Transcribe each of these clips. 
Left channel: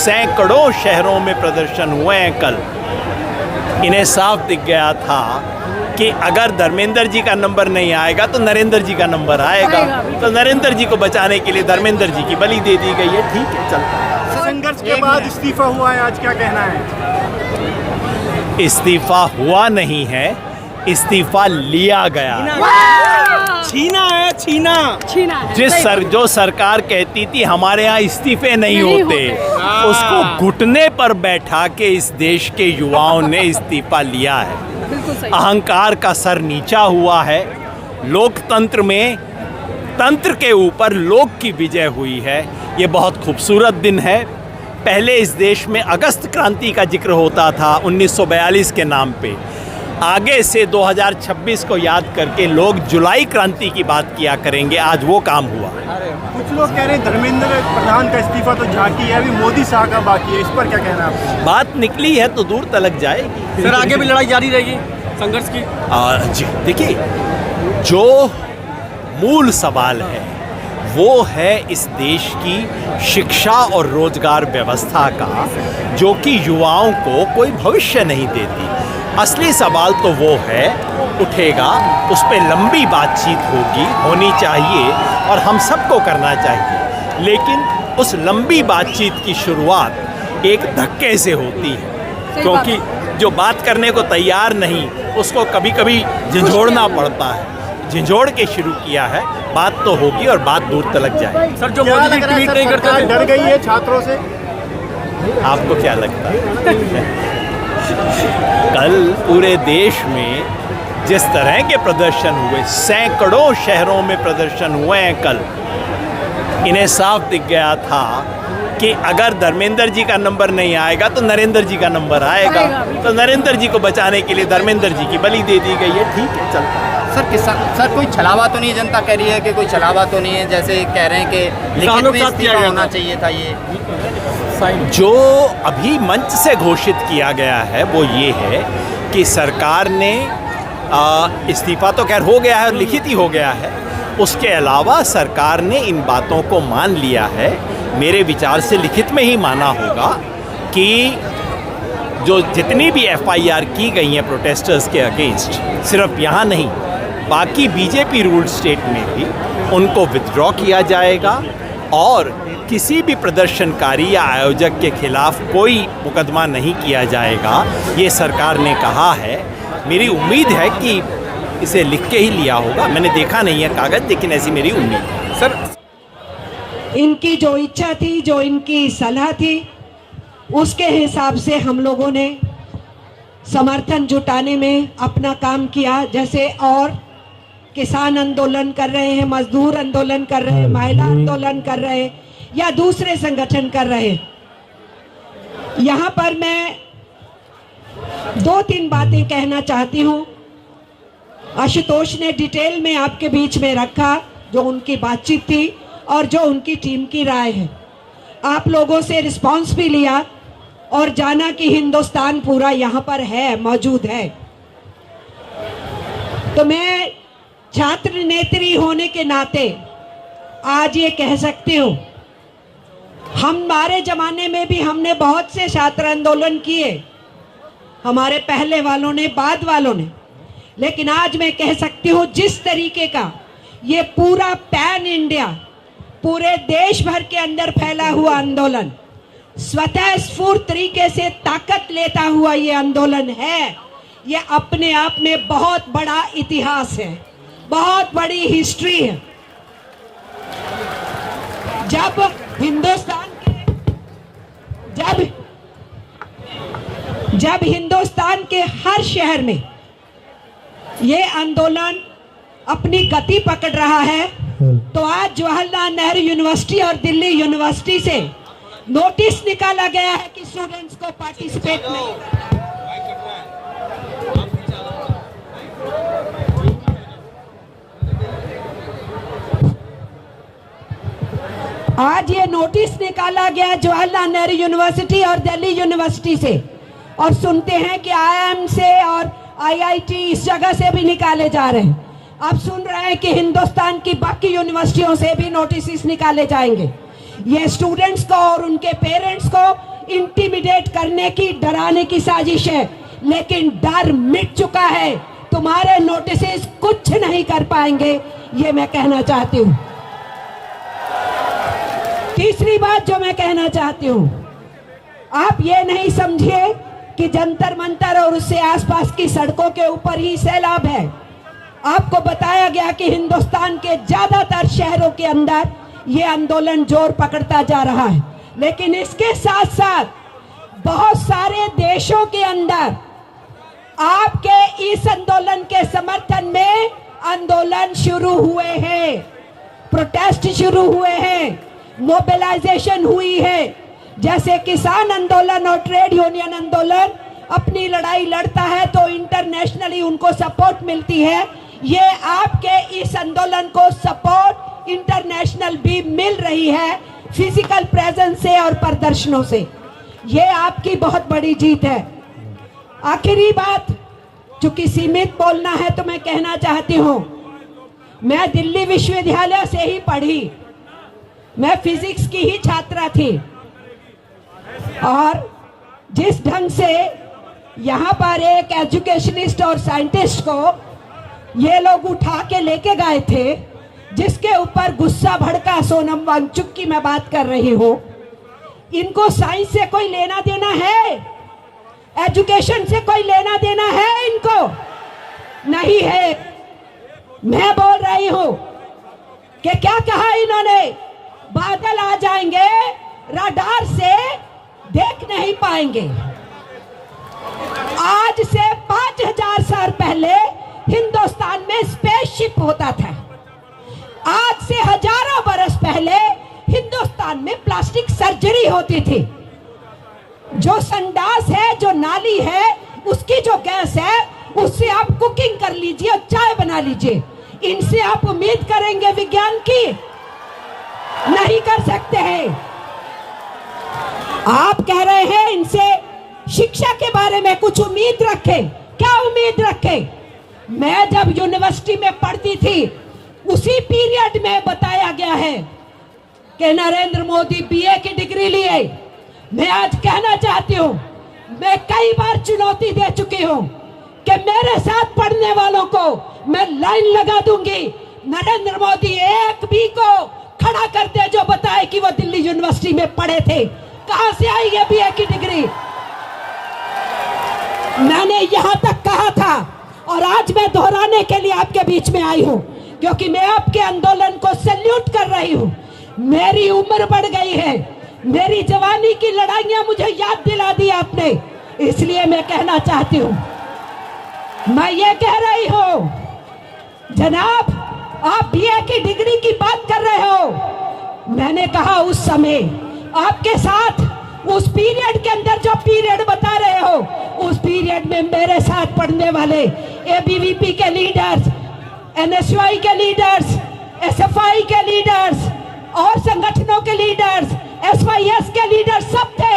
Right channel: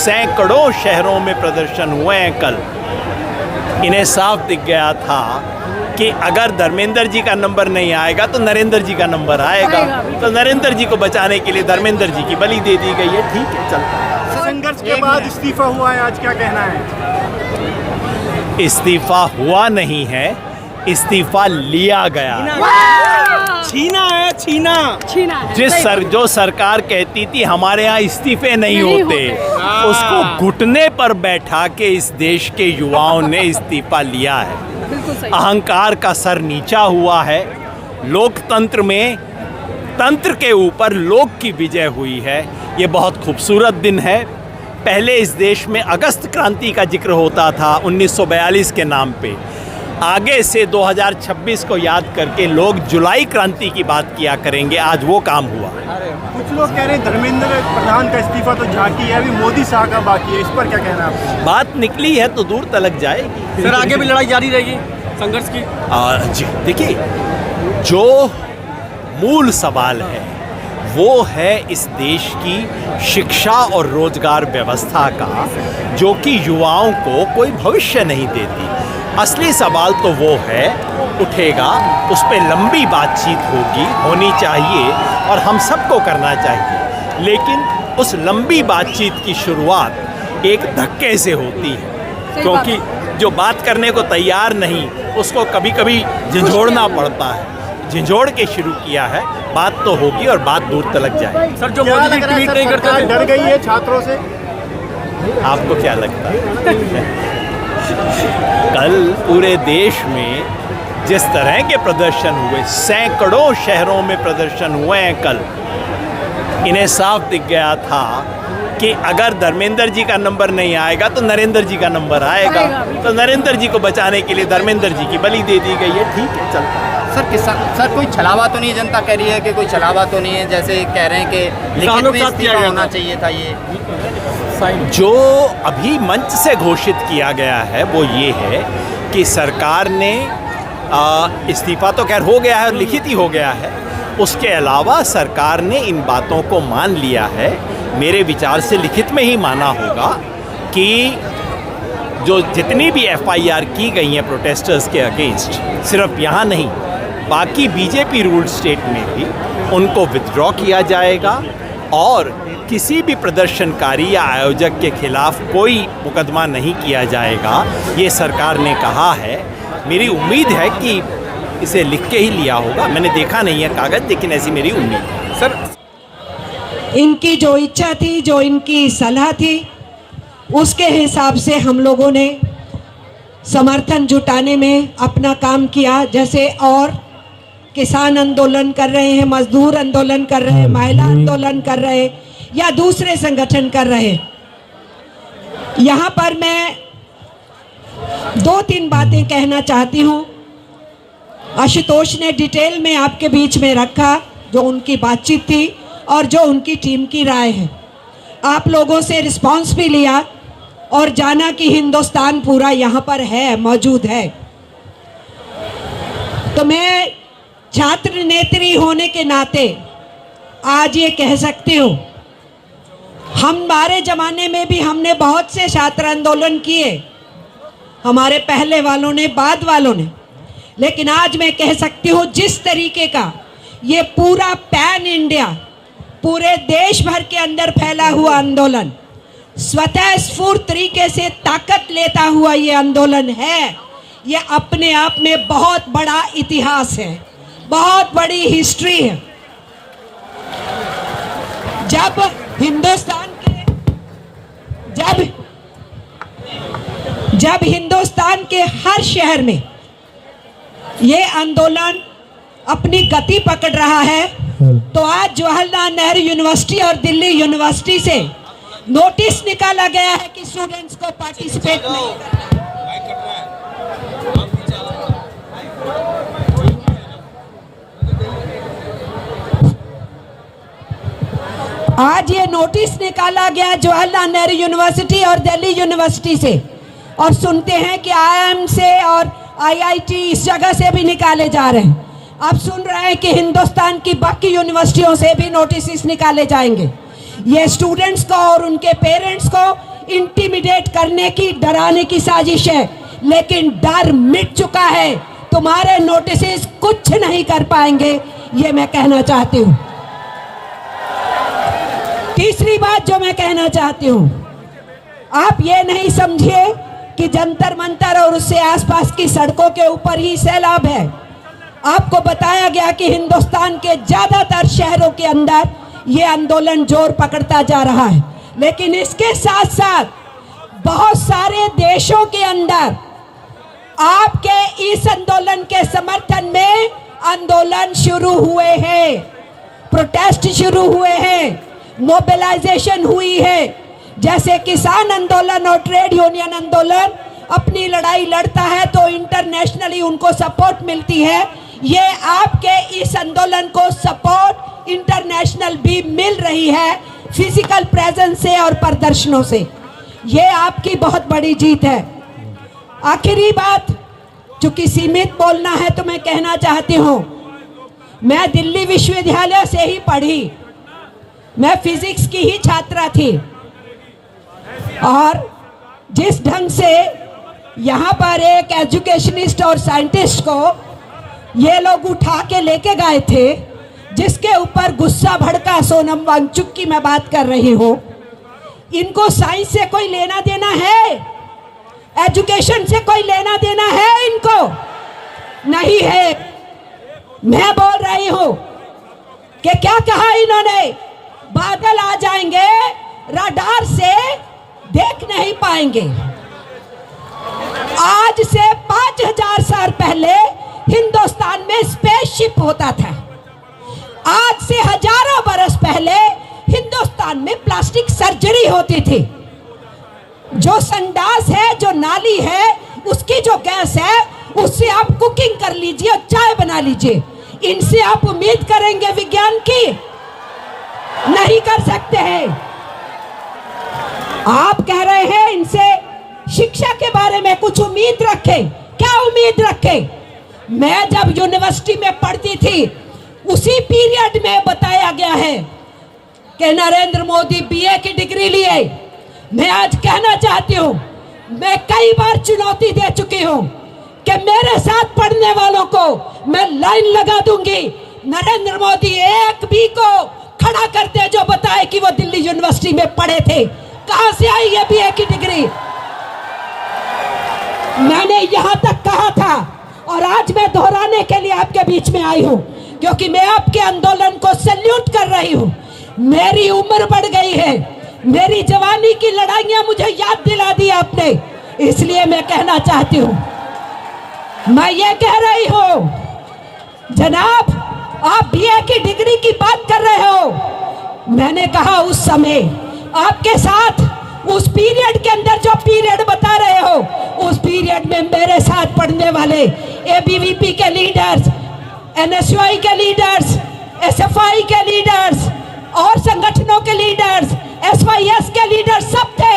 सैकड़ों शहरों में प्रदर्शन हुए हैं कल। इन्हें साफ दिख गया था कि अगर धर्मेंद्र जी का नंबर नहीं आएगा तो नरेंद्र जी का नंबर आएगा। तो नरेंद्र जी को बचाने के लिए धर्मेंद्र जी की बलि दे दी गई है। ठीक है, चलता है। संघर्ष के बाद इस्तीफा हुआ है, आज क्या कहना है? इस्तीफा हुआ नहीं है, इस्तीफा लिया गया। छीना है, छीना। जो सरकार कहती थी हमारे यहाँ इस्तीफे नहीं होते, उसको घुटने पर बैठा के इस देश के युवाओं ने इस्तीफा लिया है। अहंकार का सर नीचा हुआ है। लोकतंत्र में तंत्र के ऊपर लोक की विजय हुई है। ये बहुत खूबसूरत दिन है। पहले इस देश में अगस्त क्रांति का जिक्र होता था 1942 के नाम पे। आगे से 2026 को याद करके लोग जुलाई क्रांति की बात किया करेंगे। आज वो काम हुआ। कुछ लोग कह रहे हैं धर्मेंद्र प्रधान का इस्तीफा तो झांकी है, अभी मोदी शाह का बाकी है। इस पर क्या कहना है आपको? बात निकली है तो दूर तलक जाएगी। सर आगे भी लड़ाई जारी रहेगी संघर्ष की? जी देखिए, जो मूल सवाल है वो है इस देश की शिक्षा और रोजगार व्यवस्था का, जो कि युवाओं को कोई भविष्य नहीं देती। असली सवाल तो वो है, उठेगा, उस पर लंबी बातचीत होनी चाहिए और हम सबको करना चाहिए। लेकिन उस लंबी बातचीत की शुरुआत एक धक्के से होती है, क्योंकि जो बात करने को तैयार नहीं उसको कभी कभी झंझोड़ना पड़ता है। झंझोड़ के शुरू किया है, बात तो होगी और बात दूर तलक जाए। सर जो मोदी जी ट्वीट नहीं करते, डर गई है छात्रों से? आपको क्या लगता है? कल पूरे देश में जिस तरह के प्रदर्शन हुए, सैकड़ों शहरों में प्रदर्शन हुए हैं कल, इन्हें साफ दिख गया था कि अगर धर्मेंद्र जी का नंबर नहीं आएगा तो नरेंद्र जी का नंबर आएगा। तो नरेंद्र जी को बचाने के लिए धर्मेंद्र जी की बलि दे दी गई है। ठीक है, चलता है। सर कोई छलावा तो नहीं? जनता कह रही है कि कोई छलावा तो नहीं है, जैसे कह रहे हैं कि लिखित में इस्तीफा होना चाहिए था। ये जो अभी मंच से घोषित किया गया है वो ये है कि सरकार ने इस्तीफा तो खैर हो गया है और लिखित ही हो गया है। उसके अलावा सरकार ने इन बातों को मान लिया है, मेरे विचार से लिखित में ही माना होगा, कि जो जितनी भी FIR की गई हैं प्रोटेस्टर्स के अगेंस्ट, सिर्फ यहाँ नहीं बाकी बीजेपी रूल्ड स्टेट में भी उनको विथड्रॉ किया जाएगा और किसी भी प्रदर्शनकारी या आयोजक के खिलाफ कोई मुकदमा नहीं किया जाएगा। ये सरकार ने कहा है। मेरी उम्मीद है कि इसे लिख के ही लिया होगा। मैंने देखा नहीं है कागज, लेकिन ऐसी मेरी उम्मीद है। सर इनकी जो इच्छा थी, जो इनकी सलाह थी, उसके हिसाब से हम लोगों ने समर्थन जुटाने में अपना काम किया। जैसे और किसान आंदोलन कर रहे हैं, मजदूर आंदोलन कर रहे हैं, महिला आंदोलन कर रहे हैं या दूसरे संगठन कर रहे हैं। यहाँ पर मैं 2-3 बातें कहना चाहती हूँ। आशुतोष ने डिटेल में आपके बीच में रखा जो उनकी बातचीत थी और जो उनकी टीम की राय है। आप लोगों से रिस्पांस भी लिया और जाना कि हिंदुस्तान पूरा यहाँ पर है, मौजूद है। तो मैं छात्र नेत्री होने के नाते आज ये कह सकती हूँ, हमारे जमाने में भी हमने बहुत से छात्र आंदोलन किए, हमारे पहले वालों ने, बाद वालों ने। लेकिन आज मैं कह सकती हूँ जिस तरीके का ये पूरा पैन इंडिया, पूरे देश भर के अंदर फैला हुआ आंदोलन, स्वतः स्फूर्त तरीके से ताकत लेता हुआ ये आंदोलन है, ये अपने आप में बहुत बड़ा इतिहास है, बहुत बड़ी हिस्ट्री है। जब हिंदुस्तान के हर शहर में ये आंदोलन अपनी गति पकड़ रहा है, तो आज जवाहरलाल नेहरू यूनिवर्सिटी और दिल्ली यूनिवर्सिटी से नोटिस निकाला गया है कि स्टूडेंट्स को पार्टिसिपेट नहीं करना है। आज ये नोटिस निकाला गया जवाहरलाल नेहरू यूनिवर्सिटी और दिल्ली यूनिवर्सिटी से, और सुनते हैं कि IIM से और IIT इस जगह से भी निकाले जा रहे हैं। आप सुन रहे हैं कि हिंदुस्तान की बाकी यूनिवर्सिटियों से भी नोटिस निकाले जाएंगे। ये स्टूडेंट्स को और उनके पेरेंट्स को इंटिमिडेट करने की, डराने की साजिश है, लेकिन डर मिट चुका है। तुम्हारे नोटिस कुछ नहीं कर पाएंगे, ये मैं कहना चाहती हूँ। तीसरी बात जो मैं कहना चाहती हूँ, आप ये नहीं समझिए कि जंतर मंतर और उससे आसपास की सड़कों के ऊपर ही सैलाब है। आपको बताया गया कि हिंदुस्तान के ज्यादातर शहरों के अंदर ये आंदोलन जोर पकड़ता जा रहा है, लेकिन इसके साथ साथ बहुत सारे देशों के अंदर आपके इस आंदोलन के समर्थन में आंदोलन शुरू हुए हैं, प्रोटेस्ट शुरू हुए हैं, मोबिलाइजेशन हुई है। जैसे किसान आंदोलन और ट्रेड यूनियन आंदोलन अपनी लड़ाई लड़ता है तो इंटरनेशनली उनको सपोर्ट मिलती है, ये आपके इस आंदोलन को सपोर्ट इंटरनेशनल भी मिल रही है, फिजिकल प्रेजेंस से और प्रदर्शनों से। ये आपकी बहुत बड़ी जीत है। आखिरी बात, चूंकि सीमित बोलना है तो मैं कहना चाहती हूँ, मैं दिल्ली विश्वविद्यालय से ही पढ़ी, मैं फिजिक्स की ही छात्रा थी, और जिस ढंग से यहाँ पर एक एजुकेशनिस्ट और साइंटिस्ट को ये लोग उठा के लेके गए थे, जिसके ऊपर गुस्सा भड़का सोनम वांगचुक की मैं बात कर रही हूँ। इनको साइंस से कोई लेना देना है? एजुकेशन से कोई लेना देना है इनको? नहीं है। मैं बोल रही हूँ कि क्या कहा इन्होंने, बादल आ जाएंगे, रडार से देख नहीं पाएंगे। आज से 5000 साल पहले हिंदुस्तान में स्पेसशिप होता था। आज से हजारों बरस पहले हिंदुस्तान में प्लास्टिक सर्जरी होती थी। जो संडास है, जो नाली है, उसकी जो गैस है, उससे आप कुकिंग कर लीजिए और चाय बना लीजिए। इनसे आप उम्मीद करेंगे विज्ञान की? नहीं कर सकते हैं। आप कह रहे हैं इनसे शिक्षा के बारे में कुछ उम्मीद रखें। क्या उम्मीद रखें? मैं जब यूनिवर्सिटी में पढ़ती थी, उसी पीरियड में बताया गया है कि नरेंद्र मोदी बीए की डिग्री लिए। मैं आज कहना चाहती हूँ, मैं कई बार चुनौती दे चुकी हूँ कि मेरे साथ पढ़ने वालों को मैं लाइन लगा दूंगी। नरेंद्र मोदी एक भी को खड़ा करते जो बताए कि वो दिल्ली यूनिवर्सिटी में पढ़े थे। कहां से आई है बीए की डिग्री? मैंने यहां तक कहा था और आज मैं दोहराने के लिए आपके बीच में आई हूं, क्योंकि मैं आपके आंदोलन को सैल्यूट कर रही हूं। मेरी उम्र बढ़ गई है, मेरी जवानी की लड़ाइयां मुझे याद दिला दी आपने, इसलिए मैं कहना चाहती हूं, मैं ये कह रही हूं, जनाब आप बीए की डिग्री की बात कर रहे हो। मैंने कहा उस समय आपके साथ उस पीरियड के अंदर जो पीरियड बता रहे हो, उस पीरियड में मेरे साथ पढ़ने वाले एबीवीपी के लीडर्स, एनएसयूआई के लीडर्स, एसएफआई के लीडर्स और संगठनों के लीडर्स, एसवाईएस के लीडर्स सब थे।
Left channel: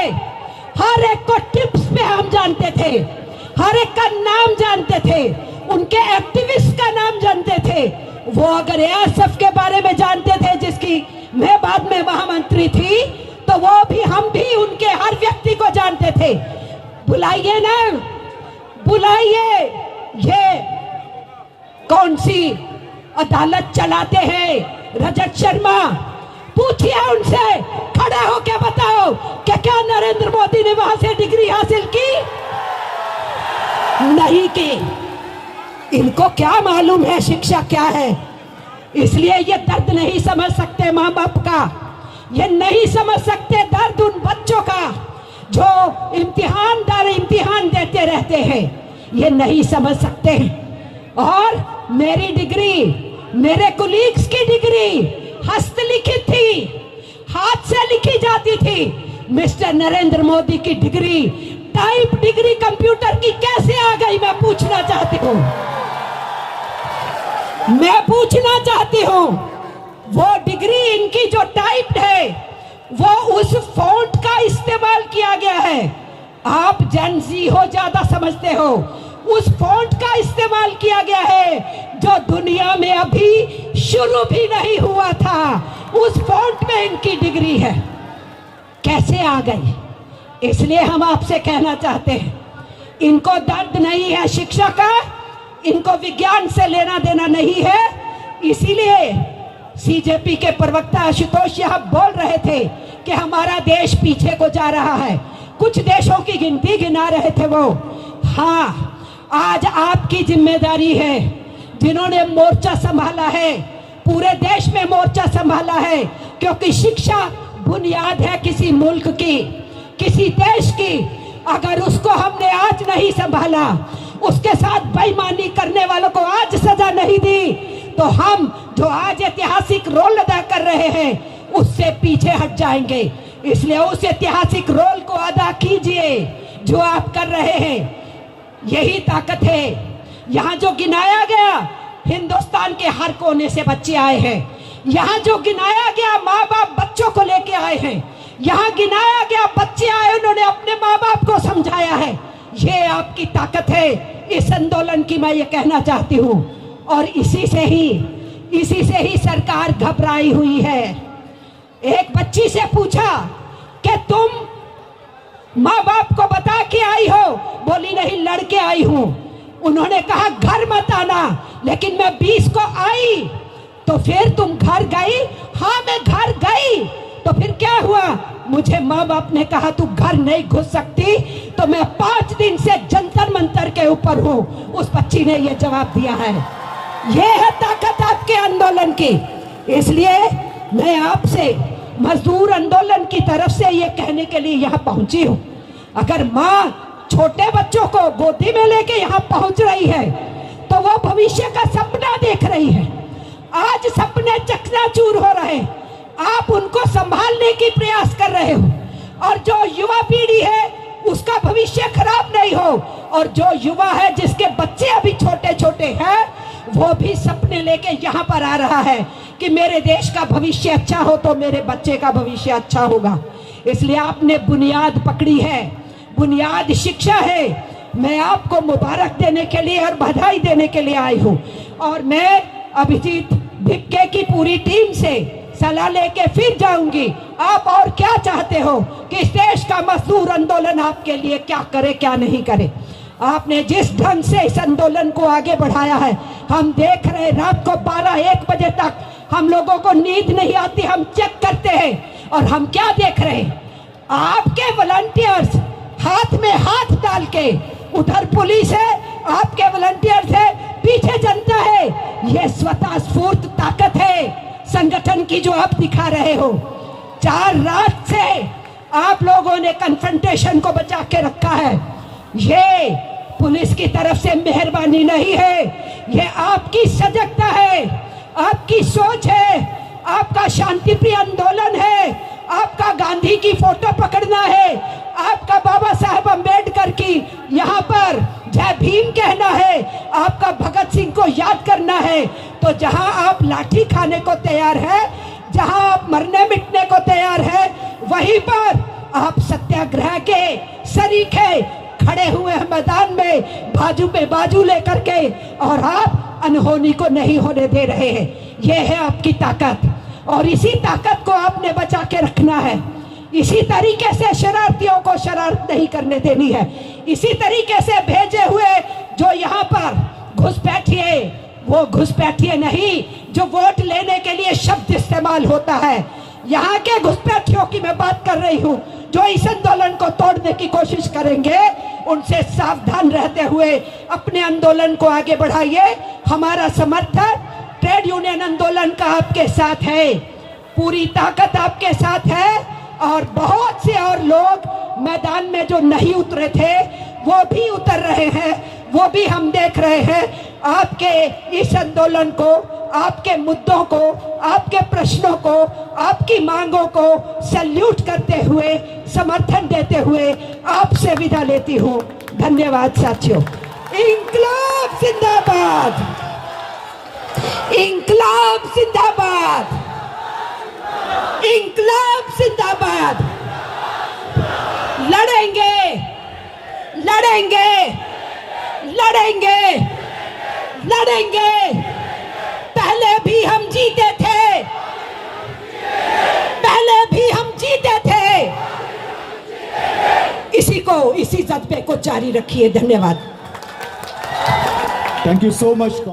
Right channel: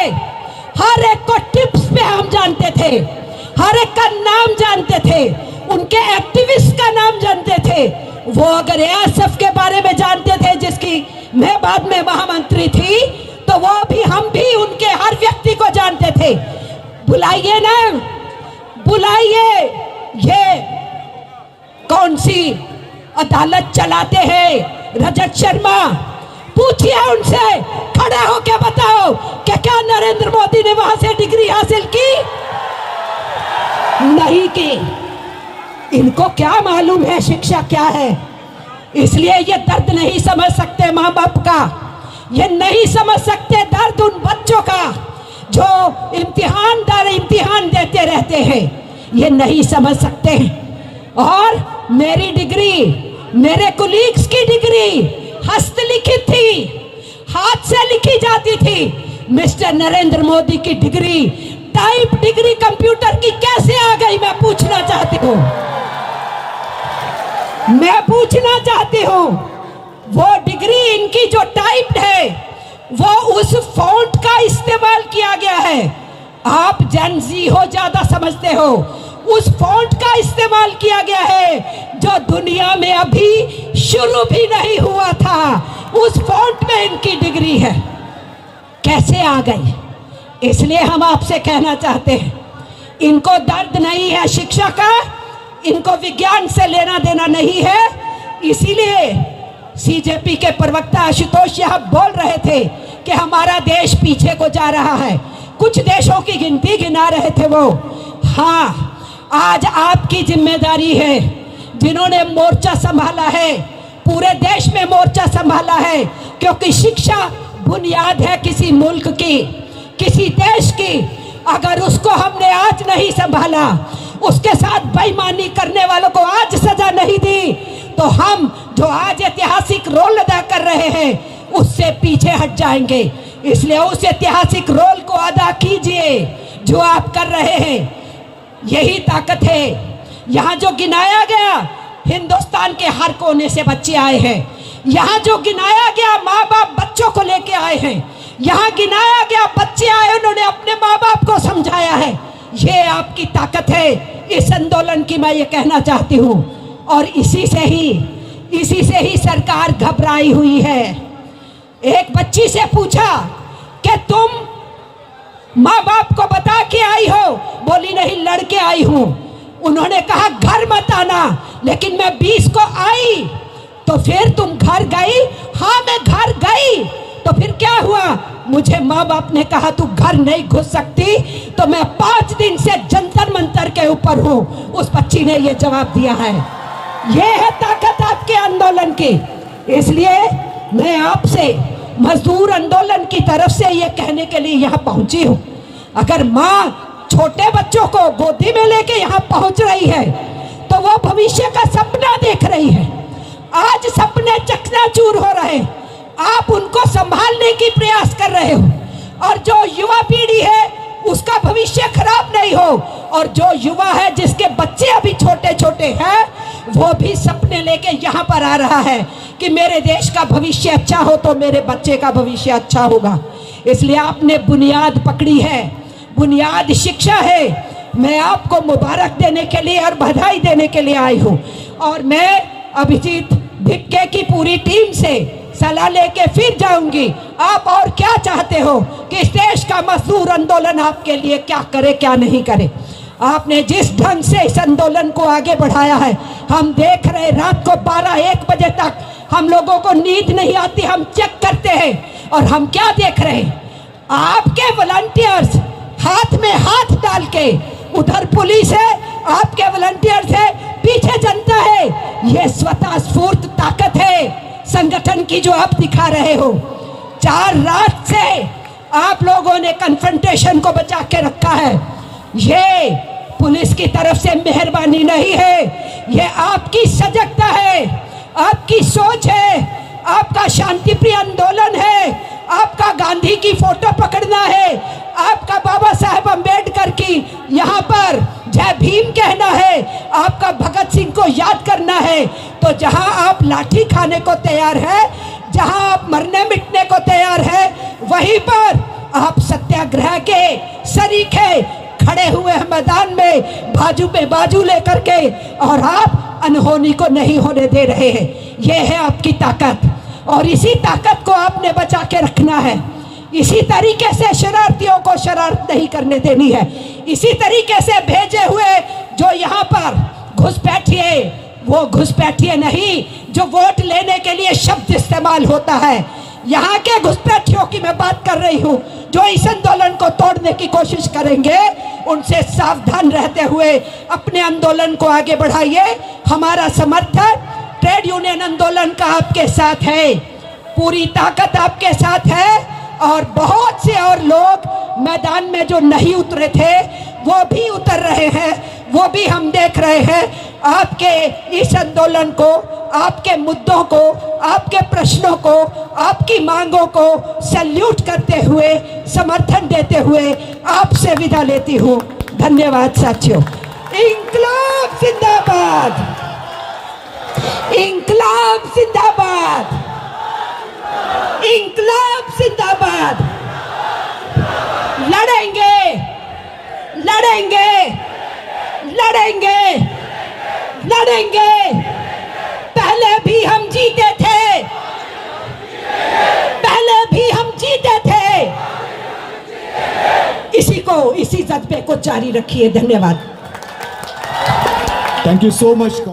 हर एक को टिप्स पे हम जानते थे, हर एक का नाम जानते थे, उनके एक्टिविस्ट का नाम जानते थे। वो अगर एएसएफ के बारे में जानते थे, जिसकी मैं बाद में महामंत्री थी, तो वो भी हम भी उनके हर व्यक्ति को जानते थे। बुलाइए ना, बुलाइए। ये कौन सी अदालत चलाते हैं रजत शर्मा? पूछिए उनसे, खड़े हो के बताओ कि क्या नरेंद्र मोदी ने वहां से डिग्री हासिल की? नहीं की। इनको क्या मालूम है शिक्षा क्या है? इसलिए ये दर्द नहीं समझ सकते माँ बाप का, ये नहीं समझ सकते दर्द उन बच्चों का जो इम्तिहान दर इम्तिहान देते रहते हैं, ये नहीं समझ सकते। और मेरी डिग्री, मेरे कुलीग्स की डिग्री हस्तलिखित थी, हाथ से लिखी जाती थी। मिस्टर नरेंद्र मोदी की डिग्री टाइप डिग्री कंप्यूटर की कैसे आ गई, मैं पूछना चाहती हूँ। मैं पूछना चाहती हूँ, वो डिग्री इनकी जो टाइप्ड है, वो उस फॉन्ट का इस्तेमाल किया गया है। आप जेन ज़ी हो, ज्यादा समझते हो, उस फॉन्ट का इस्तेमाल किया गया है जो दुनिया में अभी शुरू भी नहीं हुआ था। उस फॉन्ट में इनकी डिग्री है, कैसे आ गई? इसलिए हम आपसे कहना चाहते हैं, इनको दर्द नहीं है शिक्षा का, इनको विज्ञान से लेना देना नहीं है। इसीलिए सीजेपी के प्रवक्ता आशुतोष यह बोल रहे थे कि हमारा देश पीछे को जा रहा है, कुछ देशों की गिनती गिना रहे थे वो। हाँ, आज आपकी जिम्मेदारी है, जिन्होंने मोर्चा संभाला है, पूरे देश में मोर्चा संभाला है, क्योंकि शिक्षा बुनियाद है किसी मुल्क की, किसी देश की। अगर उसको हमने आज नहीं संभाला, उसके साथ बेईमानी करने वालों को आज सजा नहीं दी, तो हम जो आज ऐतिहासिक रोल अदा कर रहे हैं उससे पीछे हट जाएंगे। इसलिए उस ऐतिहासिक रोल को अदा कीजिए जो आप कर रहे हैं, यही ताकत है। यहाँ जो गिनाया गया, हिंदुस्तान के हर कोने से बच्चे आए हैं। यहाँ जो गिनाया गया, माँ बाप बच्चों को लेके आए हैं। यहाँ गिनाया गया, बच्चे आए, उन्होंने अपने माँ बाप को समझाया है। ये आपकी ताकत है इस आंदोलन की, मैं ये कहना चाहती हूँ। और इसी से ही सरकार घबराई हुई है। एक बच्ची से पूछा कि तुम माँ बाप को बता के आई हो? बोली नहीं, लड़के आई हूँ। उन्होंने कहा घर मत आना, लेकिन मैं 20 को आई। तो फिर तुम घर गई? हाँ, मैं घर गई। तो फिर क्या हुआ? मुझे माँ बाप ने कहा तू घर नहीं घुस सकती, तो मैं 5 दिन से जंतर मंतर के ऊपर हूँ। उस बच्ची ने ये जवाब दिया है। ये है ताकत आपके आंदोलन की। इसलिए मैं आपसे मजदूर आंदोलन की तरफ से ये कहने के लिए यहाँ पहुंची हूँ, अगर माँ छोटे बच्चों को गोदी में लेके यहाँ पहुंच रही है तो वो भविष्य का सपना देख रही है। आज सपने चकनाचूर हो रहे, आप उनको संभालने की प्रयास कर रहे हो, और जो युवा पीढ़ी है उसका भविष्य खराब नहीं हो। और जो युवा है, जिसके बच्चे अभी छोटे छोटे हैं, वो भी सपने लेके यहाँ पर आ रहा है कि मेरे देश का भविष्य अच्छा हो तो मेरे बच्चे का भविष्य अच्छा होगा। इसलिए आपने बुनियाद पकड़ी है, बुनियाद शिक्षा है। मैं आपको मुबारक देने के लिए और बधाई देने के लिए आई हूँ। और मैं अभिजीत भिक्के की पूरी टीम से सलाह लेके फिर जाऊंगी। आप और क्या चाहते हो कि इस देश का मजदूर आंदोलन आपके लिए क्या करे, क्या नहीं करे। आपने जिस ढंग से इस आंदोलन को आगे बढ़ाया है, हम देख रहे, रात को 12-1 बजे तक हम लोगों को नींद नहीं आती, हम चेक करते हैं। और हम क्या देख रहे हैं? आपके वॉलंटियर्स हाथ में हाथ डाल के, उधर पुलिस है, आपके वॉलंटियर्स है, पीछे जनता है। ये स्वतः स्फूर्त ताकत है संगठन की जो आप दिखा रहे हो। 4 रात से आप लोगों ने कन्फ्रंटेशन को बचा के रखा है। ये पुलिस की तरफ से मेहरबानी नहीं है, ये आपकी सजगता है, आपकी सोच है, आपका शांति प्रिय आंदोलन है, आपका गांधी की फोटो पकड़ना है, आपका बाबा साहेब अम्बेडकर की यहाँ पर जय भीम कहना है, आपका भगत सिंह को याद करना है। तो जहाँ आप लाठी खाने को तैयार है, जहाँ आप मरने मिटने को तैयार है, वहीं पर आप सत्याग्रह के शरीक है, खड़े हुए हैं मैदान में बाजू पे बाजू लेकर के, और आप अनहोनी को नहीं होने दे रहे हैं। यह है आपकी ताकत, और इसी ताकत को आपने बचा के रखना है। इसी तरीके से शरारतियों को शरारत नहीं करने देनी है। इसी तरीके से भेजे हुए जो यहाँ पर घुसपैठिए, वो घुसपैठिए नहीं जो वोट लेने के लिए शब्द इस्तेमाल होता है। यहाँ के घुसपैठियों की मैं बात कर रही हूँ, जो इस आंदोलन को तोड़ने की कोशिश करेंगे, उनसे सावधान रहते हुए अपने आंदोलन को आगे बढ़ाइए। हमारा समर्थन ट्रेड यूनियन आंदोलन का आपके साथ है, पूरी ताकत आपके साथ है। और बहुत से और लोग मैदान में जो नहीं उतरे थे वो भी उतर रहे हैं, वो भी हम देख रहे हैं। आपके इस आंदोलन को, आपके मुद्दों को, आपके प्रश्नों को, आपकी मांगों को सैल्यूट करते हुए, समर्थन देते हुए आपसे विदा लेती हूँ। धन्यवाद साथियों। इंकलाब जिंदाबाद, इंकलाब जिंदाबाद, इंकलाब जिंदाबाद। लड़ेंगे, लड़ेंगे, लड़ेंगे, लड़ेंगे। पहले भी हम जीते थे, इसी जज्बे को जारी रखिए। धन्यवाद। Thank you so much.